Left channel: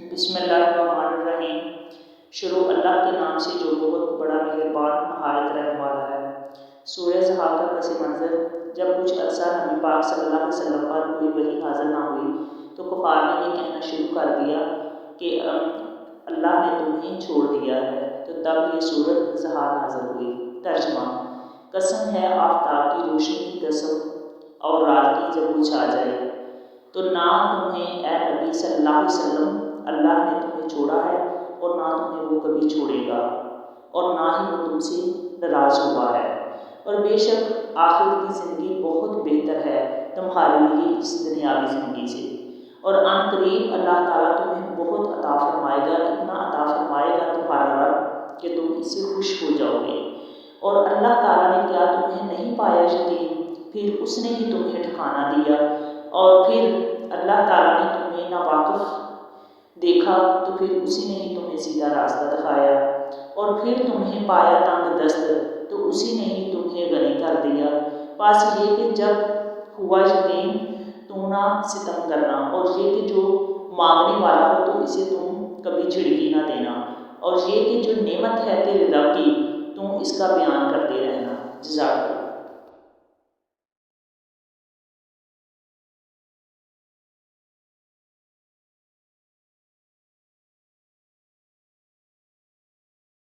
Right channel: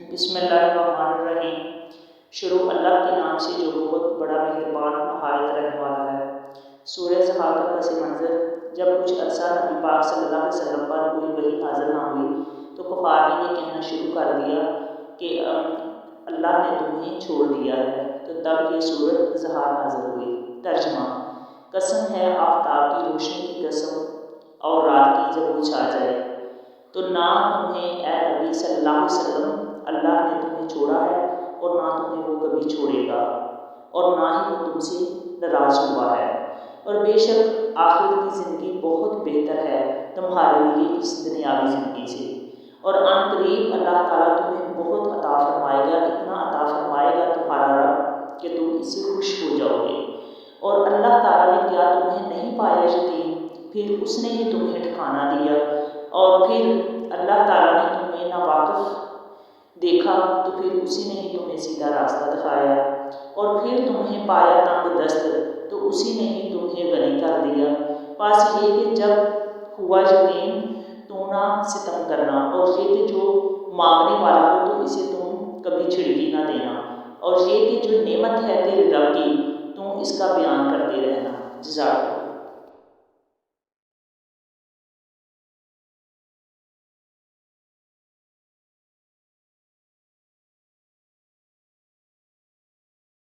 بسم اللہ الرحمن الرحیم۔ شروع اللہ کے نام سے جو بہت بڑا مہربان نہایت رحم والا ہے۔ سورہ زحاق کا پس منظر: جب کچھ عرصہ نبی پاک صلی اللہ علیہ وسلم پر کوئی وحی نازل نہ ہوئی تو کفار نے یہ کہنا شروع کر دیا کہ اللہ نے تمہیں چھوڑ دیا ہے، تو تب یہ سورۃ زحاق نازل ہوئی۔ ترجمہ: قسم ہے آفتاب کی روشنی کی قسم اور رات کی جب وہ چھا جائے، تو نہ تمہیں اے نبی صلی اللہ علیہ وسلم اللہ نے تمہیں چھوڑا ہے اور نہ تمہیں وہ کبھی چھوڑے گا، اور نہ ہی وہ تم سے ناراض ہوا ہے، اور بے شک آخرت کی زندگی بہت بہتر ہے تمہارے لیے اس دنیاوی زندگی سے، اور ان قریب اللہ تعالیٰ تمہیں بہت عطا فرمائے گا، اتنا عطا فرمائے گا تمہارا رب کہ تم اس سے خوش ہو جاؤ گے۔ اور اللہ تعالیٰ نے کیا تمہیں نہیں پایا یتیم، پھر اس نے ہی تمہیں ٹھکانہ دیا، اور پھر اللہ تعالیٰ نے تمہیں ناواقف دیکھا تو پھر اسی نے ہی تمہیں سیدھا راستہ دکھایا، اور پھر تمہیں پایا تنگ دست تو اسی نے ہی تمہیں غنی کر دیا۔ بس یہ کہ جب ہوا یتیم تو نہ ستم کرنا، اور یہ کہ جو مانگنے والا ہو تو اسے تم کبھی چھڑکی نہ دینا، اور یہ کہ جو نعمت ہے تیرے رب کی تو اس کا بیان کرتے رہنا۔ جزاک اللہ۔